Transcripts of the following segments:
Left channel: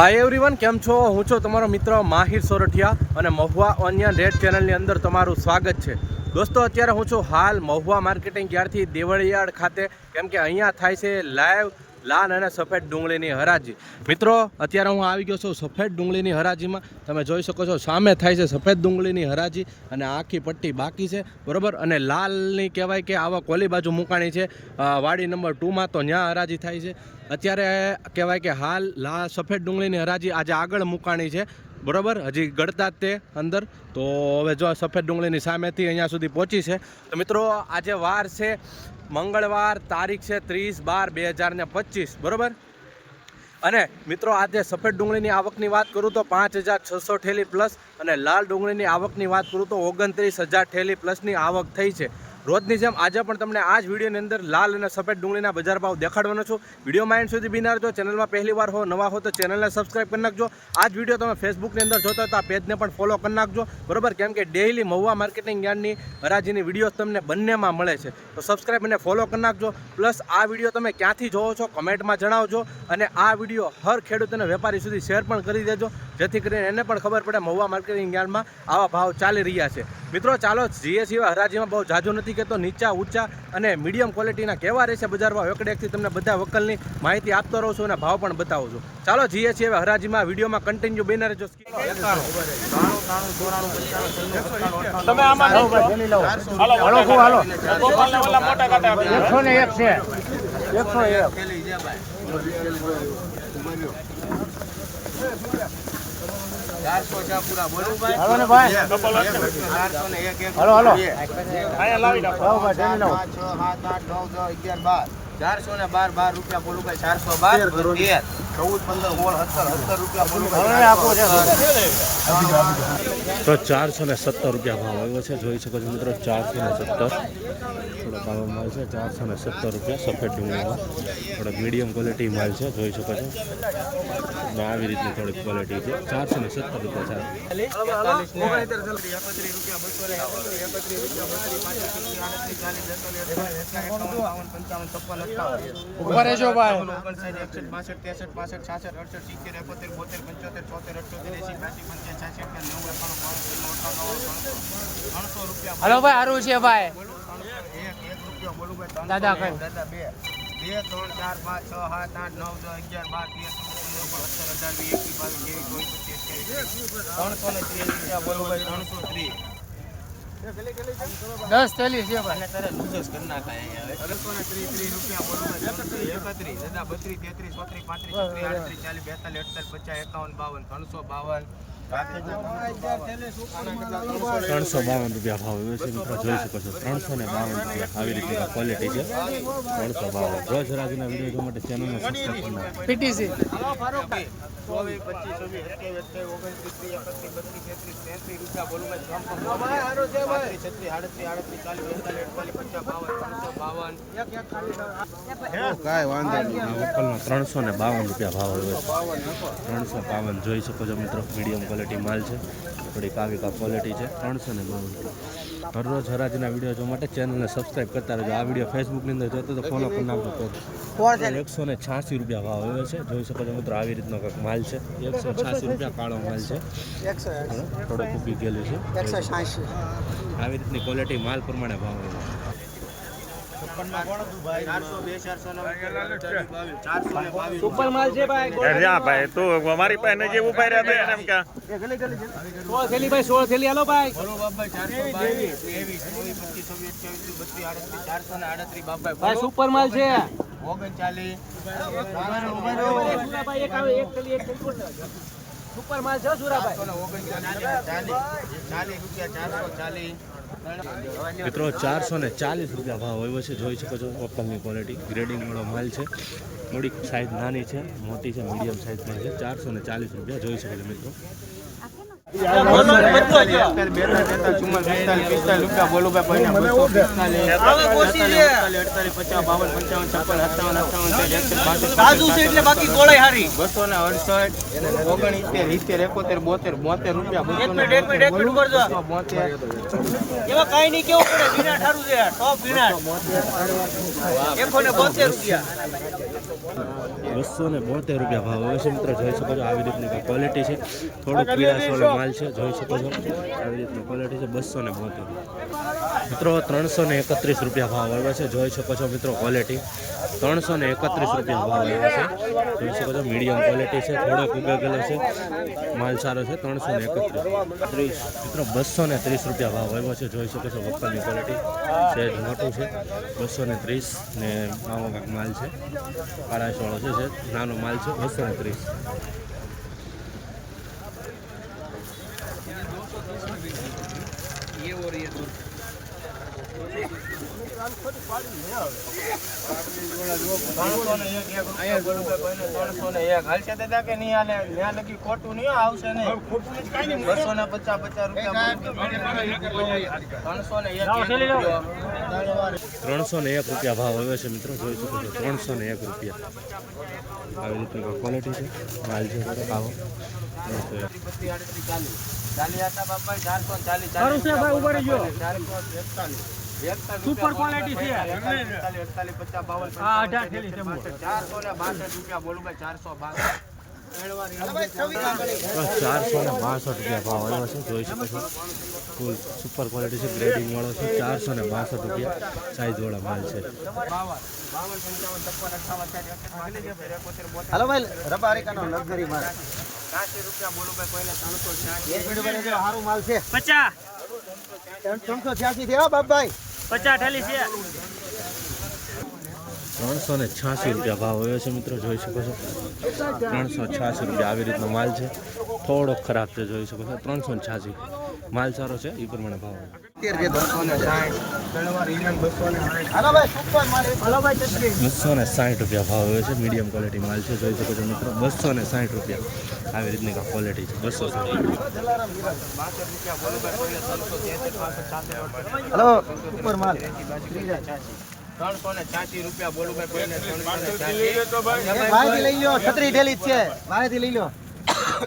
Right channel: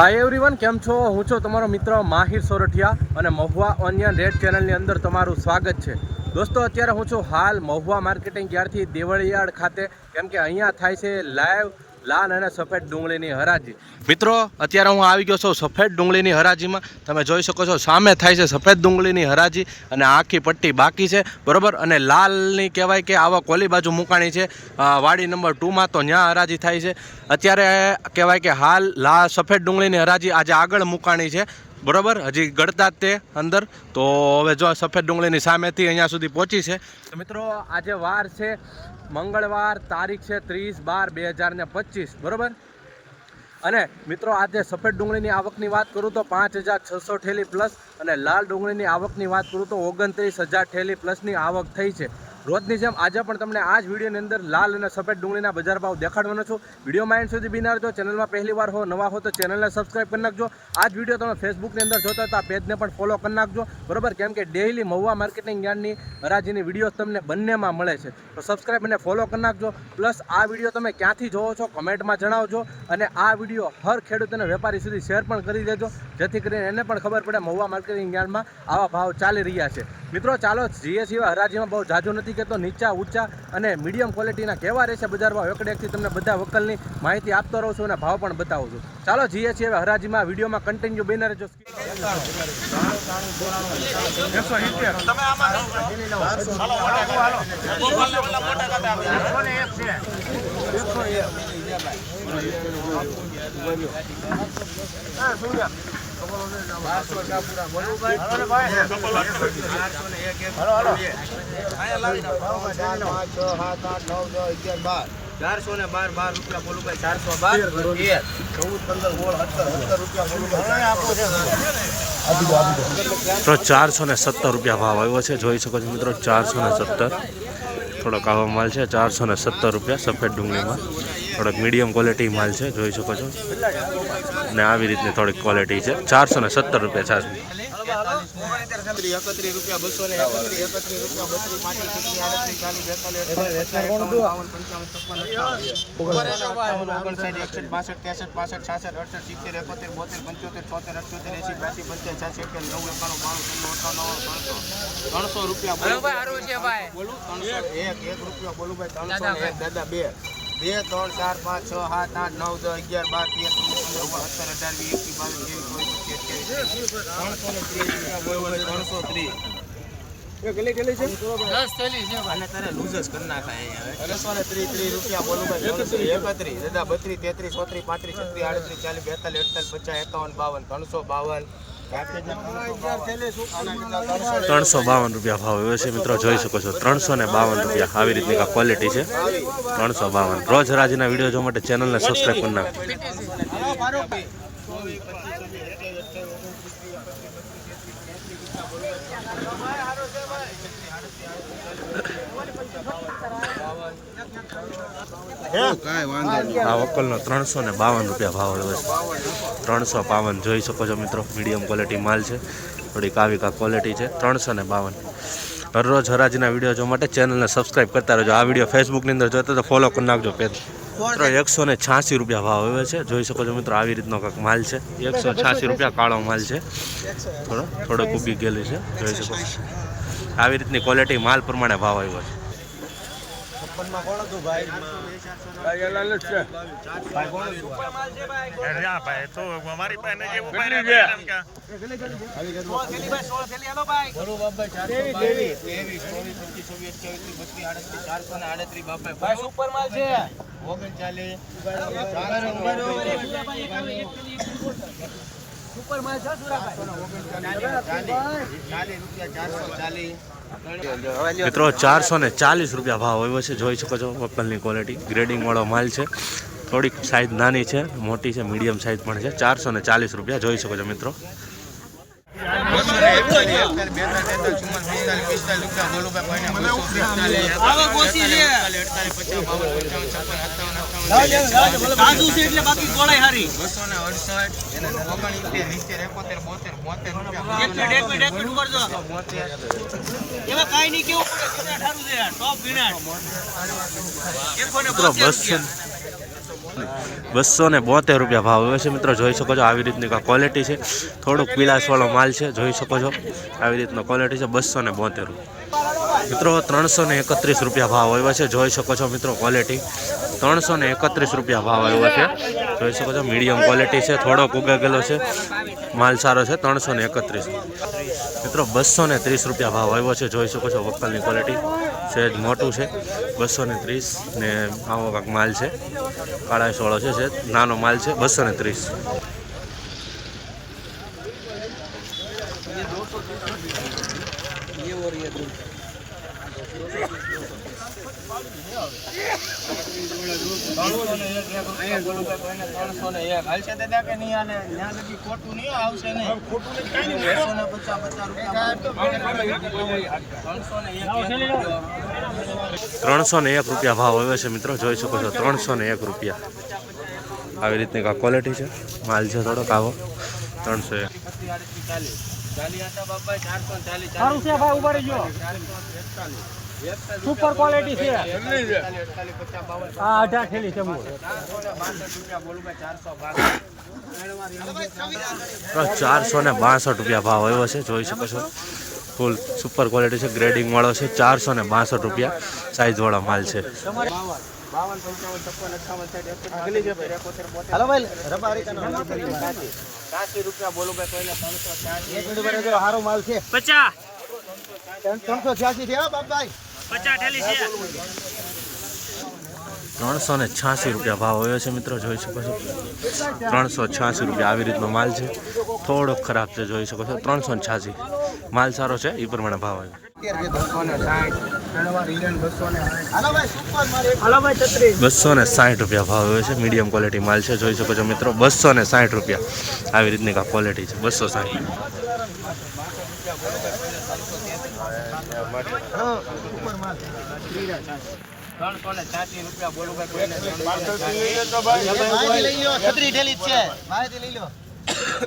Hi everyone કેમ છો? હું છું તમારો મિત્ર માહિર સોરઠિયા અને મહુવા ઓનિયન રેડ ચેનલની અંદર તમારું સ્વાગત છે. દોસ્તો, અત્યારે હું છું હાલ મહુવા માર્કેટિંગ યાર્ડથી દેવળિયાળ ખાતે? કેમ કે અહીંયા થાય છે લાઈવ લાલ અને સફેદ ડુંગળીની હરાજી. મિત્રો, અત્યારે હું આવી ગયો છું સફેદ ડુંગળીની હરાજીમાં. તમે જોઈ શકો છો, સામે થાય છે સફેદ ડુંગળીની હરાજી અને આખી પટ્ટી બાકી છે. બરોબર? અને લાલની કહેવાય કે આવા કોલી બાજુ મુકાણી છે. વાડી નંબર ટુમાં તો ત્યાં હરાજી થાય છે. અત્યારે કહેવાય કે હાલ લા, સફેદ ડુંગળીની હરાજી આજે આગળ મુકાણી છે. બરોબર? હજી ગળતા તે અંદર. તો હવે જો સફેદ ડુંગળીની સામેથી અહીંયા સુધી પહોંચી છે. મિત્રો, આજે વાર છે. મંગળવાર તારીખ છે ત્રીસ બાર બે હજાર ને પચીસ, બરોબર? અને મિત્રો, આજે સફેદ ડુંગળીની આવકની વાત કરું તો પાંચ હજાર છસો ઠેલી પ્લસ અને લાલ ડુંગળીની આવકની વાત કરું તો ઓગણત્રીસ હજાર ઠેલી પ્લસની આવક થઈ છે. રોજની જેમ આજે પણ તમને આ જ વિડીયોની અંદર લાલ અને સફેદ ડુંગળીના બજાર ભાવ દેખાડવાનો છું. વિડીયોમાં એન્ડ સુધી બિનાર જો ચેનલમાં પહેલી વાર હો, નવા હો, તો ચેનલને સબસ્ક્રાઇબ કરી નાખજો. આ જ વીડિયો તમે ફેસબુકની અંદર જોતા તો પેજને પણ ફોલો કરી નાખજો. બરોબર? કેમ કે ડેઇલી મહુવા માર્કેટિંગ યાર્ડની હરાજીની વીડિયો તમને બંનેમાં મળે છે. તો સબસ્ક્રાઇબ અને ફોલો કરી નાખજો. પ્લસ આ વીડિયો તમે ક્યાંથી જોવો છો કમેન્ટમાં જણાવજો. અને આ વીડિયો હર ખેડૂત અને વેપારી સુધી શેર પણ કરી દેજો. જેથી કરીને એને પણ ખબર પડે મહુવા માર્કેટિંગ યાર્ડમાં આવા ભાવ ચાલી રહ્યા છે. મિત્રો ચાલો જીએ સિવાય હરાજીમાં. બહુ જાજુ નથી કહેતો નીચા ઊંચા અને મીડિયમ ક્વોલિટીના કેવા રહેશે બજારમાં એકડેકથી એકથી તમને બધા વકલની માહિતી આપતો રહું છું અને ભાવ પણ બતાવું છું. ચાલો જીએસસી હવે હરાજીમાં. વિડીયોમાં કન્ટિન્યુ બની રહેજો. ચારસો ને બાર બાર રૂપિયા બોલું ભાઈ. ચારસો બાર તેર ચૌદ પંદર સોળ સત્તર સત્તર રૂપિયા બોલું ભાઈ. તો ચારસો ને સત્તર રૂપિયા ભાવ આવ્યો છે. જોઈ શકો છો મિત્રો ચારસો ને સત્તર. થોડોક આવો માલ છે. ચારસો ને સત્તર રૂપિયા સફેદ ડુંગળીમાં. થોડોક મીડિયમ ક્વોલિટી માલ છે. જોઈ શકો છો. અને આવી રીતની થોડીક ક્વોલિટી છે. ચારસો ને સત્તર રૂપિયા ચારસો ને હલો ભાઈ સારું છે ભાઈ ને દાદા બે. બે ત્રણ ચાર પાંચ છ સાત આઠ નવ દસ અગિયાર બાર તેર સત્તર અઢાર વીસ એકવીસ બાવીસ ત્રેવીસ ત્રણસો ને ત્રીસ રૂપિયા હોય ત્રણસો ત્રીસ. દસ ચાલીસ છે અને તારે લૂઝ જ કરી નાખાય હવે. ત્રણસો ને ત્રીસ ત્રીસ રૂપિયા બોલું એકત્રીસ. દાદા બત્રીસ તેત્રીસ ચોત્રીસ પાંત્રીસ છત્રીસ આડત્રીસ ચાલીસ બેતાલીસ અડતાલીસ પચાસ એકાવન બાવન ત્રણસો બાવન. ત્રણસો બાવન રૂપિયા ભાવ એવો છે મિત્રો, જોઈ શકો છો, ત્રણસો ને બાવન રૂપિયા આવી રીતની કા ક્વોલિટી છે. ત્રણસો બાવન. રોજ રાજના વીડિયો જોવા માટે ચેનલને સબસ્ક્રાઈબ કરી નાખો ત્રણસો આ વકલનો ત્રણસો ને બાવન રૂપિયા ભાવ છે ત્રણસો બાવન જોઈ શકો છો મિત્રો મીડિયમ ક્વોલિટી માલ છે. થોડીક આવી કા ક્વોલિટી છે. ત્રણસો ને બાવન. હરરોજ હરાજીના વીડિયો જોવા માટે ચેનલને સબસ્ક્રાઈબ કરતા રહેજો. આ વીડિયો ફેસબુકની અંદર જોતા તો ફોલો કરી નાખજો પેજ. એકસો ને છ્યાસી રૂપિયા ભાવ આવ્યો છે. જોઈ શકો છો મિત્રો આવી રીતનો કંઈક માલ છે. એકસો છ્યાસી રૂપિયા કાળો માલ છે. થોડો થોડો ઉગી ગયેલી છે. જોઈ શકો છો. આવી રીતની ક્વોલિટી માલ પ્રમાણે ભાવ આવ્યો છે. સુપર માલ છે. મિત્રો, ચારસો ને ચાલીસ રૂપિયા ભાવ આવ્યો છે. જોઈ શકો છો વપલની ક્વોલિટી ગ્રેડિંગવાળો માલ છે. થોડીક સાઇઝ નાની છે, મોટી છે મીડિયમ સાઈઝ પણ છે. ચારસો ને ચાલીસ રૂપિયા, જોઈ શકો છો મિત્રો. બસો ને અડસઠ ઓગણીતેર સિત્તેર એકોતેર બોતેર બોતેર રૂપિયા બોતેર એમાં કાઈ નહીં કેવું પડે વિનાટ સારું છે ટોપ વિનાટ મિત્રો બસો બસો ને બોતેર રૂપિયા ભાવ. હવે છે મિત્રો, જોઈ શકો છો આવી રીતની ક્વોલિટી છે. થોડુંક પીળાશવાળો માલ છે, જોઈ શકો છો. આવી રીતનો ક્વોલિટી છે, બસો ને બોતેર મિત્રો, ત્રણસો ને એકત્રીસ રૂપિયા ભાવ આવ્યો છે. જોઈ શકો છો મિત્રો ક્વોલિટી ત્રણસો ને એકત્રીસ રૂપિયા ભાવ આવ્યો છે. જોઈ શકો છો મીડિયમ ક્વોલિટી છે, થોડોક ઉગાગેલો છે. માલ સારો છે, ત્રણસો ને એકત્રીસ. મિત્રો, બસો ને ત્રીસ રૂપિયા ભાવ આવ્યો છે. જોઈ શકો છો, વક્કલની ક્વોલિટી સહેજ મોટું છે. બસો ને ત્રીસ ને આવો કાંક માલ છે. કાળાશવાળો છે નાનો માલ છે બસો ને ત્રીસ ત્રણસો ને એક એક રૂપિયા બોલું કે કોઈને ત્રણસો ને એક હાલશે દાદા કે નહીં હાલે ત્યાં લગી ખોટું નહીં હો, આવશે નહીં બસો ને પચાસ પચાસ રૂપિયા ત્રણસો ને એક એક રૂપિયો. ત્રણસો ને એક. રૂપિયા ભાવ આવ્યો છે મિત્રો જોઈ શકો છો ત્રણસો ને એક રૂપિયા. આવી રીતની કાંઈ ક્વોલિટી છે? માલ છે થોડોક આવો. ત્રણસો એક. ચાલીસ. હતા બાપા ચારસો ચાલીસ, સારું છે ભાઈ, ઊભા રહેજો. ચાલીસ, સુપર ક્વોલિટી છે. અઢાર થેલી છે. ચારસો ને બાસઠ રૂપિયા ભાવ આવ્યો છે જોઈ શકો છો. ફૂલ સુપર ક્વોલિટી છે ગ્રેડિંગ વાળો છે ચારસો ને બાસઠ રૂપિયા સાઈઝ વાળો માલ છે. છે ભાઈ, રબારિકાનો હાલો રબારી માલ. છ્યાસી રૂપિયા બોલું ભાઈ, કોઈને ત્રણસો છ્યાસી. એક મિનિટ પર જો સારો માલ છે. પચાસ. ત્રણસો છ્યાસી છે હો બાપભાઈ. ત્રણસો ને છ્યાસી રૂપિયા ભાવ આવ્યો છે મિત્રો, જોઈ શકો છો. ત્રણસો છ્યાસી રૂપિયા આવી રીતનો માલ છે. થોડોક ખરાબ છે, જોઈ શકો છો. ત્રણસો ને છ્યાસી. માલ સારો છે, એ પ્રમાણે ભાવ આવ્યો. બસો ને સાઠ. રૂપિયા ભાવ આવ્યો છે. મીડિયમ ક્વોલિટી માલ છે. જોઈ શકો છો મિત્રો બસો ને સાઠ રૂપિયા. આવી રીતની કા ક્વોલિટી છે. બસો સાઠ બાસઠ રૂપિયા બોલું ભાઈ, કોઈને ત્રણસો ને છ્યાસી. રૂપિયા બોલું. કોઈને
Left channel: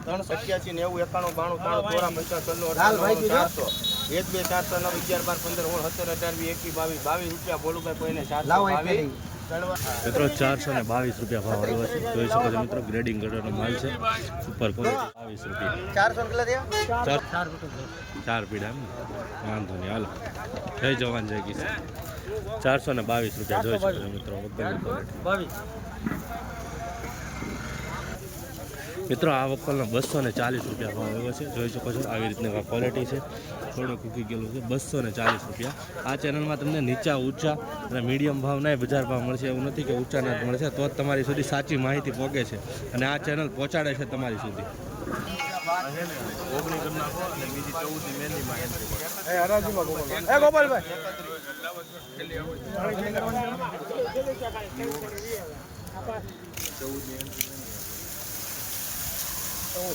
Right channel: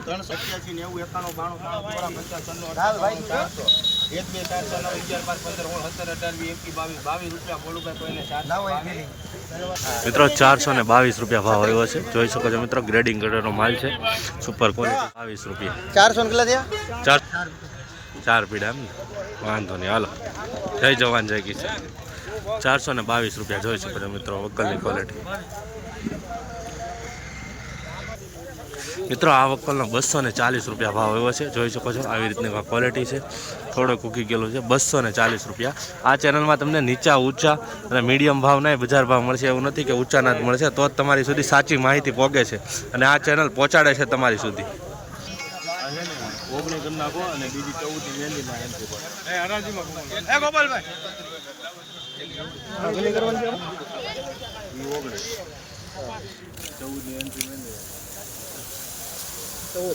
ત્રણસો નેવું એકાણું બાણું ત્રણ ચોરા પંચાવન ચારસો. એક બે ચાર ચાર નવ અગિયાર બાર પંદર ઓળ સત્તર અઢાર બી એકવીસ બાવીસ બાવીસ રૂપિયા બોલુભાઈ કોઈને ચારસો બાવીસ. મિત્રો ચારસો ને બાવીસ રૂપિયા ભાવ આવ્યો છે. જોઈ શકો છો મિત્રો ગ્રેડિંગ કરેલો માલ છે. સુપર ક્વોલિટી બાવીસ રૂપિયા. ચારસો કેટલા થયા? ચાર ચાર પીડા એમ વાંધો નહીં હાલો. જય જવાન જય કિસાન. ચારસો ને બાવીસ રૂપિયા જોઈ શકો છો મિત્રો વકલની ક્વોલિટી મિત્રો આ વકલનો બસો ને ચાલીસ રૂપિયા ભાવ આવ્યો છે. જોઈ શકો છો આવી રીતની ક્વોલિટી છે. થોડો કૂકી ગયેલું છે. બસો ને ચાલીસ રૂપિયા. આ ચેનલમાં તમને નીચા ઊંચા અને મીડિયમ ભાવ નહીં બજાર ભાવ મળશે એવું નથી કે ઊંચાના જ મળશે. તો જ તમારી સુધી સાચી માહિતી પહોંચે છે. અને આ ચેનલ પહોંચાડે છે તમારી સુધી.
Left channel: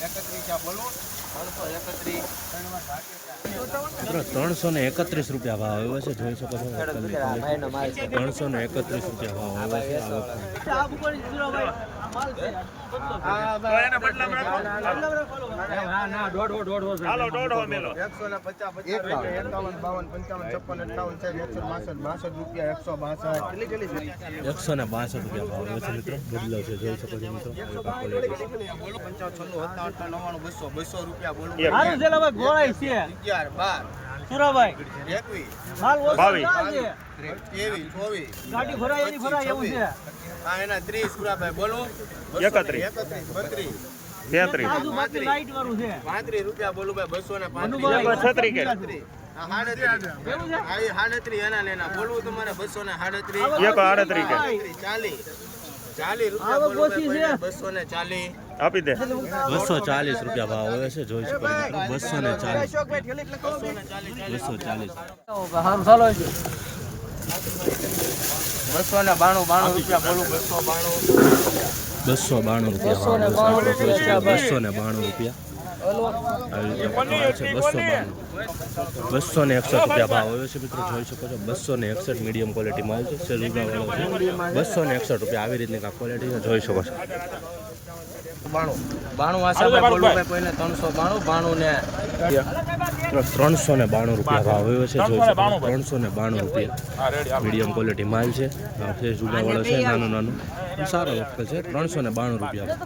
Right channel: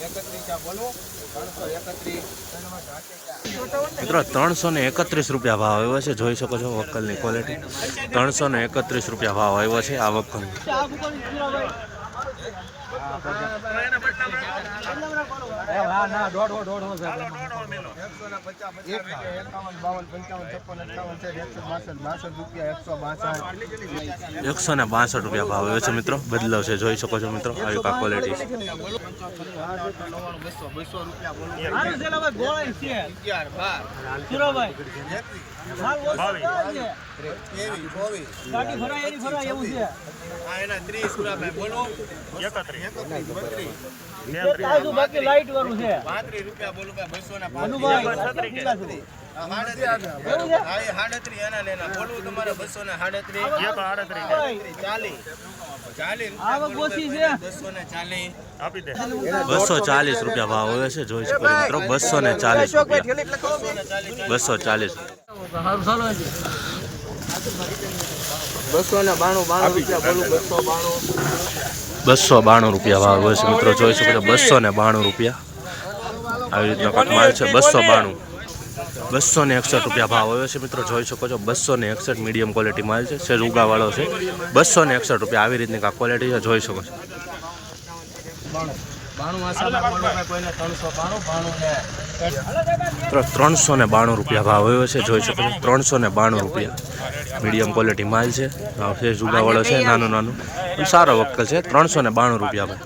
એકત્રીસ બોલો મિત્રો ત્રણસો ને એકત્રીસ રૂપિયા ભાવ આવ્યો છે. જોઈ શકો છો વકલની ક્વોલિટી ત્રણસો ને એકત્રીસ રૂપિયા ભાવ આવ્યો છે આ વકલ એકસો ને બાસઠ રૂપિયા એકસો બાસઠ એકસો ને બાસઠ રૂપિયા ભાવ આવ્યો છે મિત્રો. બદલાવ છે. જોઈ શકો છો મિત્રો. આવી કા ક્વોલિટી છે. સુરાભાઈ. એકવીસ હાલ ઓછો ચાલે છે. ત્રેવીસ ચોવીસ ગાડી ફરાય એની ફરાય એવું છે. આ એના ત્રીસ સુરાભાઈ બોલો. એકત્રીસ. એકત્રીસ બત્રીસ. એક તાજું બાકી લાઈટ વાળું છે. પાંત્રીસ રૂપિયા બોલું ભાઈ બસો ને એના લેના. બોલવું તમારે ને ચાલીસ. રૂપિયા બસો ચાલીસ. આપી દે. બસો ચાલીસ રૂપિયા ભાવ આવ્યો છે જોઈ શકો મિત્રો. બસો ને ચાલીસ રૂપિયા. બસો ચાલીસ. બસો ને બાણું બાણું રૂપિયા બોલું બસો બાણું. બસો બાણું રૂપિયા ભાવ હોય છે મિત્રો. જોઈ શકો છો બસો ને બાણું રૂપિયા. આવી રીતનો કાંક માલ છે બસો બાણું. બસો ને એકસઠ રૂપિયા ભાવ આવ્યો છે મિત્રો. જોઈ શકો છો બસો ને એકસઠ મીડિયમ ક્વોલિટી માલ છે. સેજ ઉગાવાળો છે. બસો ને એકસઠ રૂપિયા આવી રીતની કાંક ક્વોલિટી છે. જોઈ શકો છો. બાણું. બાણું આશાભાઈ બોલું ભાઈ કોઈને ત્રણસો બાણું બાણું ને ત્રણસો ને બાણું રૂપિયા ભાવ આવ્યો છે, જોઈ શકો ત્રણસો ને બાણું રૂપિયા. મીડિયમ ક્વોલિટી માલ છે. છે ઉગાવાળો છે, નાનું નાનું. પણ સારો વક્કલ છે, ત્રણસો ને બાણું રૂપિયા ભાવ.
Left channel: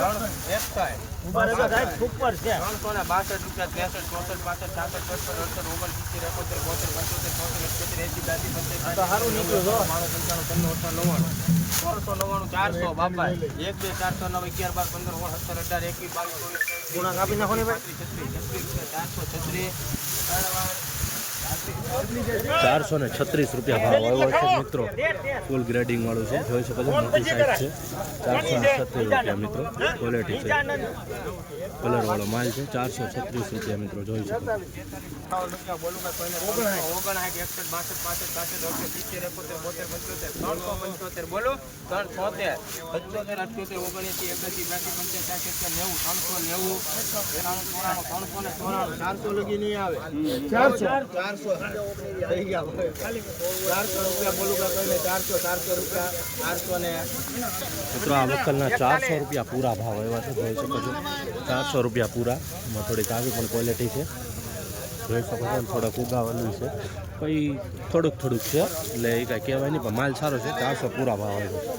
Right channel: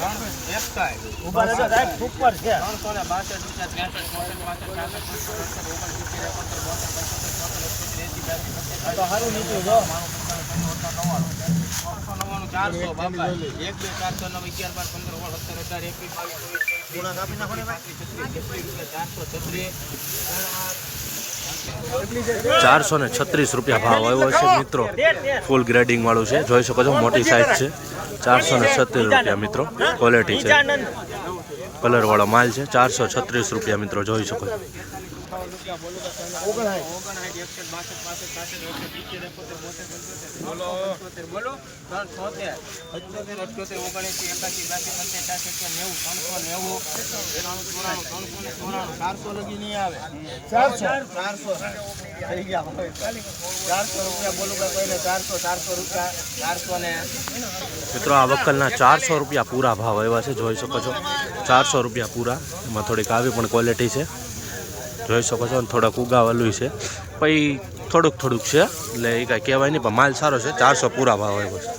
ઊભા રહેજો સાહેબ ઉપર છે ત્રણસો ને બાસઠ રૂપિયા બેસઠ ચોસઠ પાસઠ સાસઠ સડસઠ અડસઠ ઓગણસિત્તેર એકોતેર બોતેર પંચોતેર છોતેર અઠ્યોતેર એસી બ્યાસી પંચ્યાસી તો સારું નીકળ્યું જો. બાણું પંચાણું ત્રણસો અઠાણું નવ્વાણું ત્રણસો નવ્વાણું ચારસો બાબા એક બે ચારસો નવ અગિયાર બાર પંદર ઓળ સત્તર અઢાર એકવીસ બાવીસ ચોવીસ પાંત્રીસ છત્રીસ છત્રીસ રૂપિયા ચારસો છત્રીસ ચારસો ને છત્રીસ રૂપિયા ભાવ આવ્યો છે મિત્રો. ફૂલ ગ્રેડિંગ વાળું છે. જોઈ શકો છો, મોટી સાઇઝ છે. ચારસો ને છત્રીસ રૂપિયા મિત્રો. ક્વોલિટી છે. કલરવાળો માલ છે. ચારસો છત્રીસ રૂપિયા મિત્રો, જોઈ શકો છો. પંચ્યાસી સાસઠ નેવું ચારસો લગી ચારસો ચારસો રૂપિયા બોલું કોઈને ચારસો ચારસો રૂપિયા ચારસો ને મિત્રો, આ વક્કલના ચારસો રૂપિયા પૂરા ભાવ એવા છે, જોઈ શકો છો. ચારસો રૂપિયા પૂરા. એમાં થોડીક આવી પણ ક્વોલિટી છે. જોઈ શકો છો ને થોડાક ઉગાવેલું છે. પછી થોડુંક થોડુંક છે, એટલે એ કાંઈ કહેવાય નહીં, પણ માલ સારો છે, ચારસો પૂરા ભાવ આવ્યો છે.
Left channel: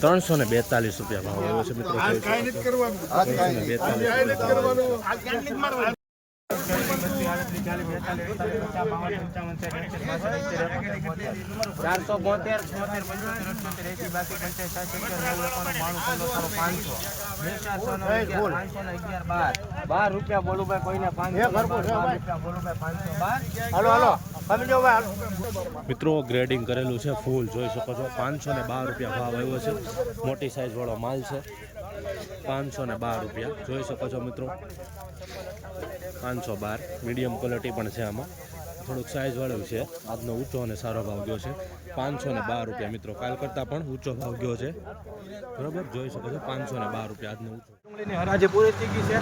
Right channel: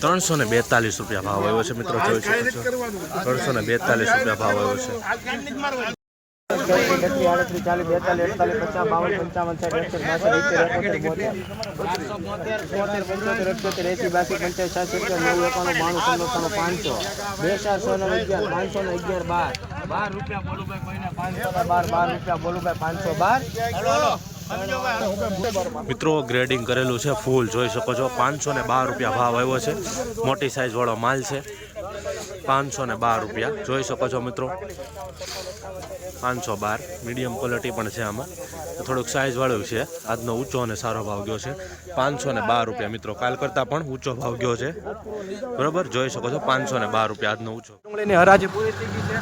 ત્રણસો ને બેતાલીસ રૂપિયા ભાવ આવ્યો છે, મિત્રો ત્રણસો ને બેતાલીસ રૂપિયા ભાવ આવ્યો છે. પંચાસ ને અગિયાર પાંચસો પાંચસો ને મિત્રો ગ્રેડિંગ કરેલું છે ફૂલ જોઈ શકો છો. પાંચસો ને બાર રૂપિયા ભાવ આવ્યો છે. મોટી સાઇઝવાળો માલ છે. પાંચસો ને બાર રૂપિયા. જોઈ શકો છો મિત્રો. પાંચસો બાર. મીડિયમ ક્વોલિટી પણ છે આમાં. થોડુંક સાઇઝવાળું છે. આજનો ઊંચો અને સારો ભાવ ગયો છે. પાંચસો ને બાર રૂપિયા મિત્રો, કાલ કરતાં પણ ઊંચો ભાવ ગયો છે. બરોબર? જોઈ શકો છો, પાંચસો ને બાર રૂપિયા આજનો ઊંચો. ડુંગળીની હરાજી પૂરી થઈ ગઈ છે.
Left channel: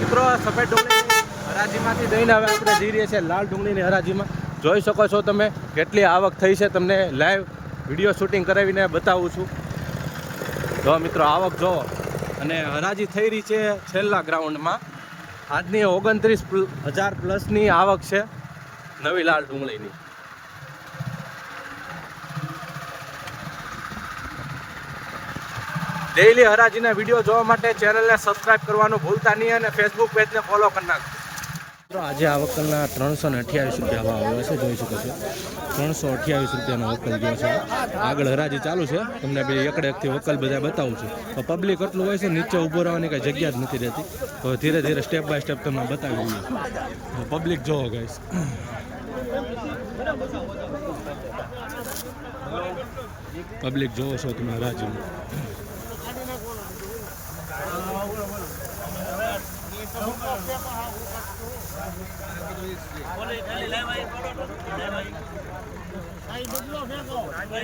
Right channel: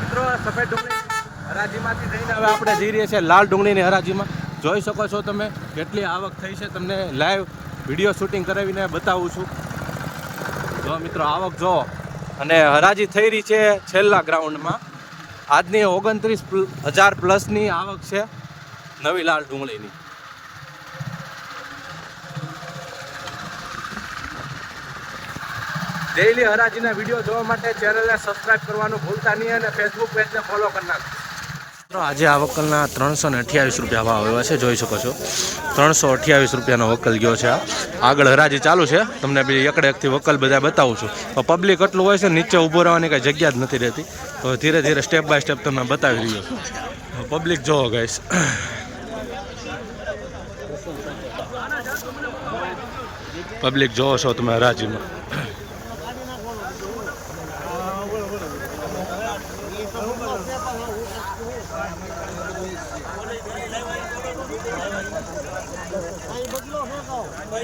મિત્રો સફેદ ડુંગળીની હરાજીમાંથી જઈને હવે આપણે જઈ રહ્યા છીએ લાલ ડુંગળીની હરાજીમાં. જોઈ શકો છો તમે કેટલી આવક થઈ છે. તમને લાઈવ વીડિયો શૂટિંગ કરાવીને બતાવું છું. જો મિત્રો, આવક જો અને હરાજી થઈ રહી છે છેલ્લા ગ્રાઉન્ડમાં આજની ઓગણત્રીસ હજાર પ્લસની આવક છે નવી લાલ ડુંગળીની. ડેઇલી હરાજીના વીડિયો જોવા માટે ચેનલને સબસ્ક્રાઇબ કરવાનું ભૂલતા નહીં અને ફેસબુક પેજને ફોલો કરી નાખજો. આજે આ વકલના ત્રણસો ને અઠ્યાવીસ રૂપિયા ભાવ આવ્યા છે, જોઈ શકો છો. ત્રણસો અઠ્યાવીસ રૂપિયાનો વકલ ગયો છે આગળ હરાજી ચાલુ છે. તમને બી એકડે એકથી વકલ બધા બતાવું છું. તો પબ્લિક એટલું હોય છે, નીચે ઊભો રહેવાની કાંઈ જગ્યા જ નથી રહેતી. તો ધીરે ધીરે સ્ટેપ બાય સ્ટેપ તમને બતાવી રહ્યો છું. પબ્લિક જોવો ગાઈશ પબ્લિક જોવો છો તમે હરાજીમાં.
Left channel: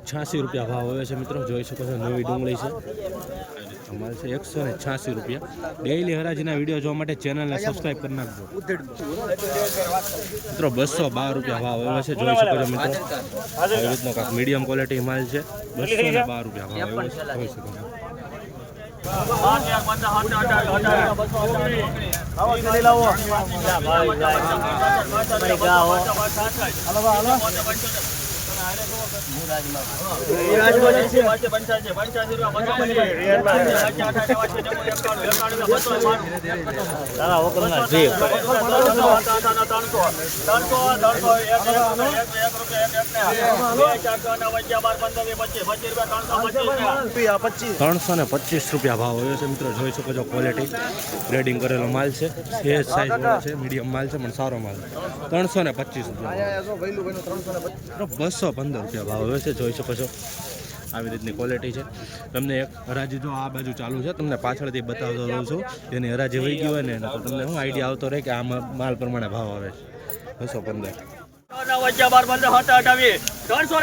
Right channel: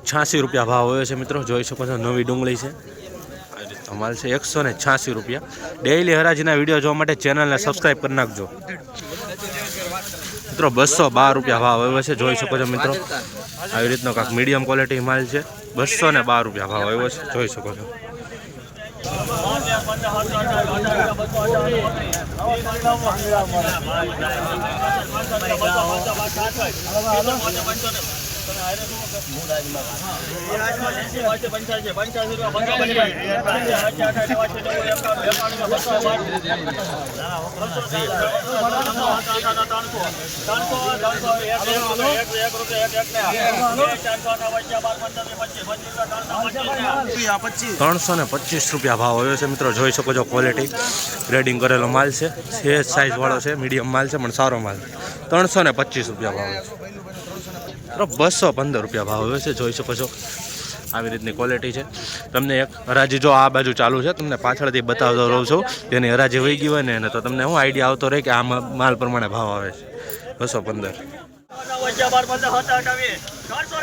છ્યાસી રૂપિયા ભાવ હોય છે મિત્રો. જોઈ શકો છો, નવી ડુંગળી છે. આ છે, એકસો ને છ્યાસી રૂપિયા. ડેઇલી હરાજીના વીડિયો જોવા માટે ચેનલને સબસ્ક્રાઈબ કરી નાખજો. મિત્રો, બસો બાર રૂપિયા ભાવ આવ્યો છે. જોઈ શકો છો મિત્રો. આવી રીતનો કાંક મીડિયમ ક્વોલિટી માલ છે. બસો ને બાર રૂપિયા ભાવ આવ્યો છે. જોઈ શકો છો. પંદર ત્રણસો ને પચીસ રૂપિયા ભાવ આવ્યો છે. મિત્રો, જોઈ શકો છો ક્વોલિટી ગ્રેડિંગ કરેલો માલ છે. છે સાઇઝ વાળો છે મીડિયમ માલ છે, પણ સારો માલ ત્રણસો ને પચીસ રૂપિયા ભાવ છે. મિત્રો બસો પંદર રૂપિયા ભાવ હોય છે જોઈ શકો છો આવી રીતની ક્વોલિટી છે તમને એક હરાજી જો આ બાજુ ચાલુ છે તમને પાછળથી બતાવતો રહું છું તેની હરાજી વહી ગઈ હોય ને તો તમને શું આઈડિયા આવતો રહે કે આ માલ પ્રમાણે ભાવ આવે છે બસો પંદર ત્રણસો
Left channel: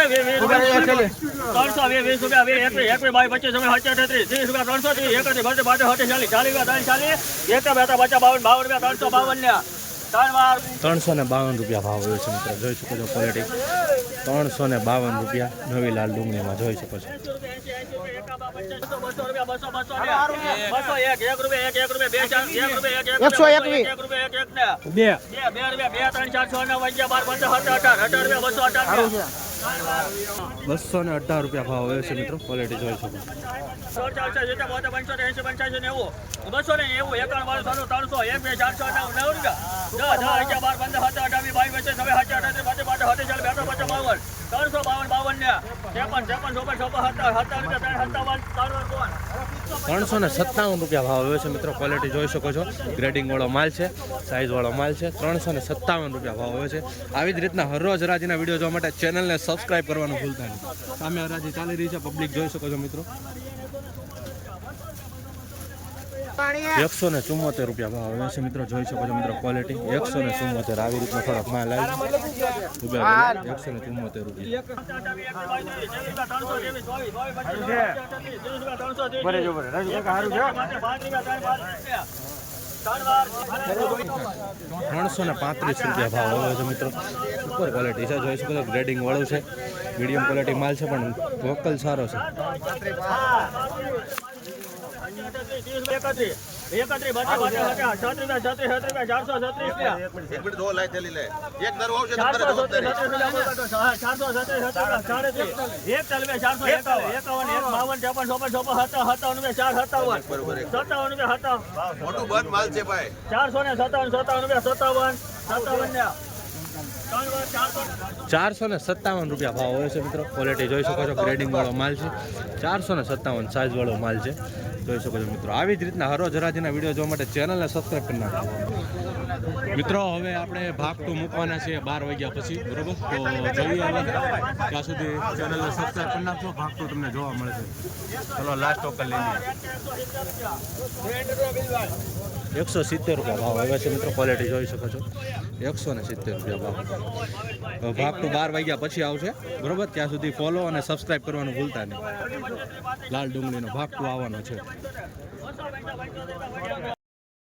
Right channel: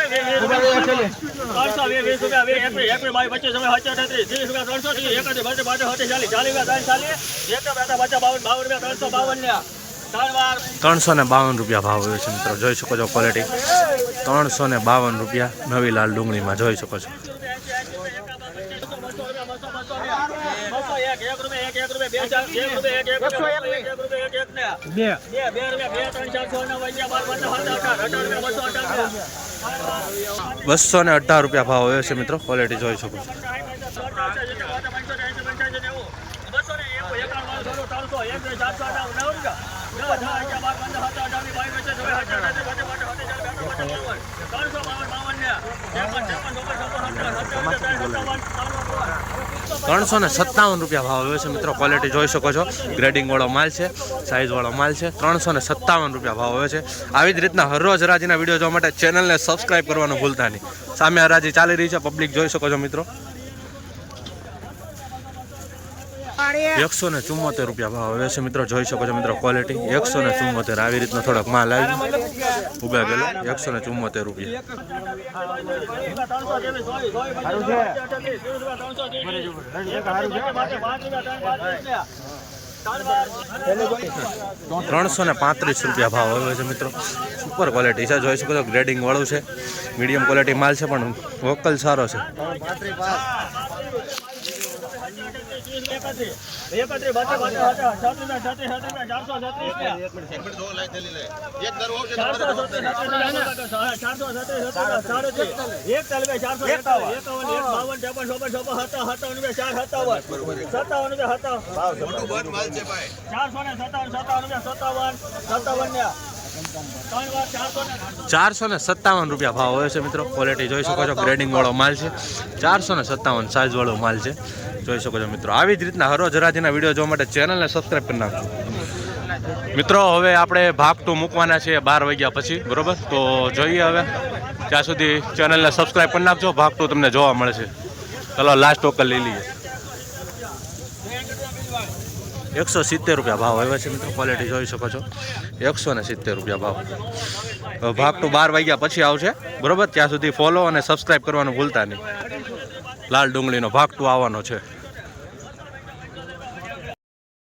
ને બાવન રૂપિયા ભાવ હોય છે મિત્રો. જોઈ શકો છો ક્વોલિટી ત્રણસો ને બાવન રૂપિયા નવી લાલ ડુંગળીમાં. જોઈ શકો છો. બસો ને અઢાર રૂપિયા ભાવ આવ્યો છે મિત્રો. ક્વોલિટી જોઈ શકો છો. ત્રણસો ને સત્તાવન રૂપિયા ભાવ આવ્યો છે મિત્રો. ક્વોલિટી જોઈ શકો છો. ગ્રેડિંગ વાળો માલ છે સાઇઝવાળો માલ છે. ત્રણસો ને સત્તાવન રૂપિયા ભાવ આવ્યો છે. આવી જ રીતના હરરોજ હરાજીના વીડિયો જોવા માટે ચેનલને સબસ્ક્રાઈબ કરવાનું ભૂલતા નહીં. સામે હરાજી ચાલી રહી છે. પબ્લિક જોઈ શકો છો મિત્રો. એકસો ને ચુમ્મોતેર રૂપિયા ભાવ આવે છે મિત્રો. જોઈ શકો છો મિત્રો ક્વોલિટી એકસો ને ચુમ્મોતેર આવી રીતનો થોડોક માલ આવી ઉગા ગયેલો. એકસો ને ચુમ્મોતેર રૂપિયા. ત્રણસો ને પાંત્રીસ રૂપિયા ભાવ આવ્યો છે મિત્રો. સુપર ક્વોલિટી છે. જોઈ શકો છો ગ્રેડિંગ વાળું છે. મીડિયમ ક્વોલિટી માલ છે પણ વોકલ સારો છે. ચારસો ને સત્તાવન સત્તાવન સત્તાવન સત્તાવન ને ચારસો ને સત્તાવન રૂપિયા ભાવ હોય છે મિત્રો. ક્વોલિટી જોઈ શકો છો. ગ્રેડિંગ વાળો માલ છે. ચારસો ને સત્તાવન સાઇઝ વાળો માલ છે. જોઈ શકો છો મિત્રો. આવી જ રીતના હરોજ હરાજીના વીડિયો જોવા માટે ચેનલને સબસ્ક્રાઈબ કરી નાખજો. મિત્રો, હવે આપણે ભાગ ટુ મૂકવાના છે બાર વાગ્યા પછી, બરોબર? તો જોઈએ હવે. ત્યાં સુધી ચેનલને સબસ્ક્રાઈબ કરી નાખજો. ભાગ ટુ તમને જોવા મળે છે ચલો લાસ્ટ ઓકર લઈ લઈએ. એકસો સિત્તેર રૂપિયા ભાવ આવ્યા છે મિત્રો ક્વોલિટી જોઈ શકો છો. એકસો ને સિત્તેર રૂપિયા ભાવ. ભાગ ટુ બાર વાગ્યા પછી આવશે, બરોબર? ત્યાં સુધી ફોલો અને સબસ્ક્રાઈબ કરવાનું ભૂલતા નહીં. લાલ ડુંગળીનો ભાગ ટુ આવવાનો છે.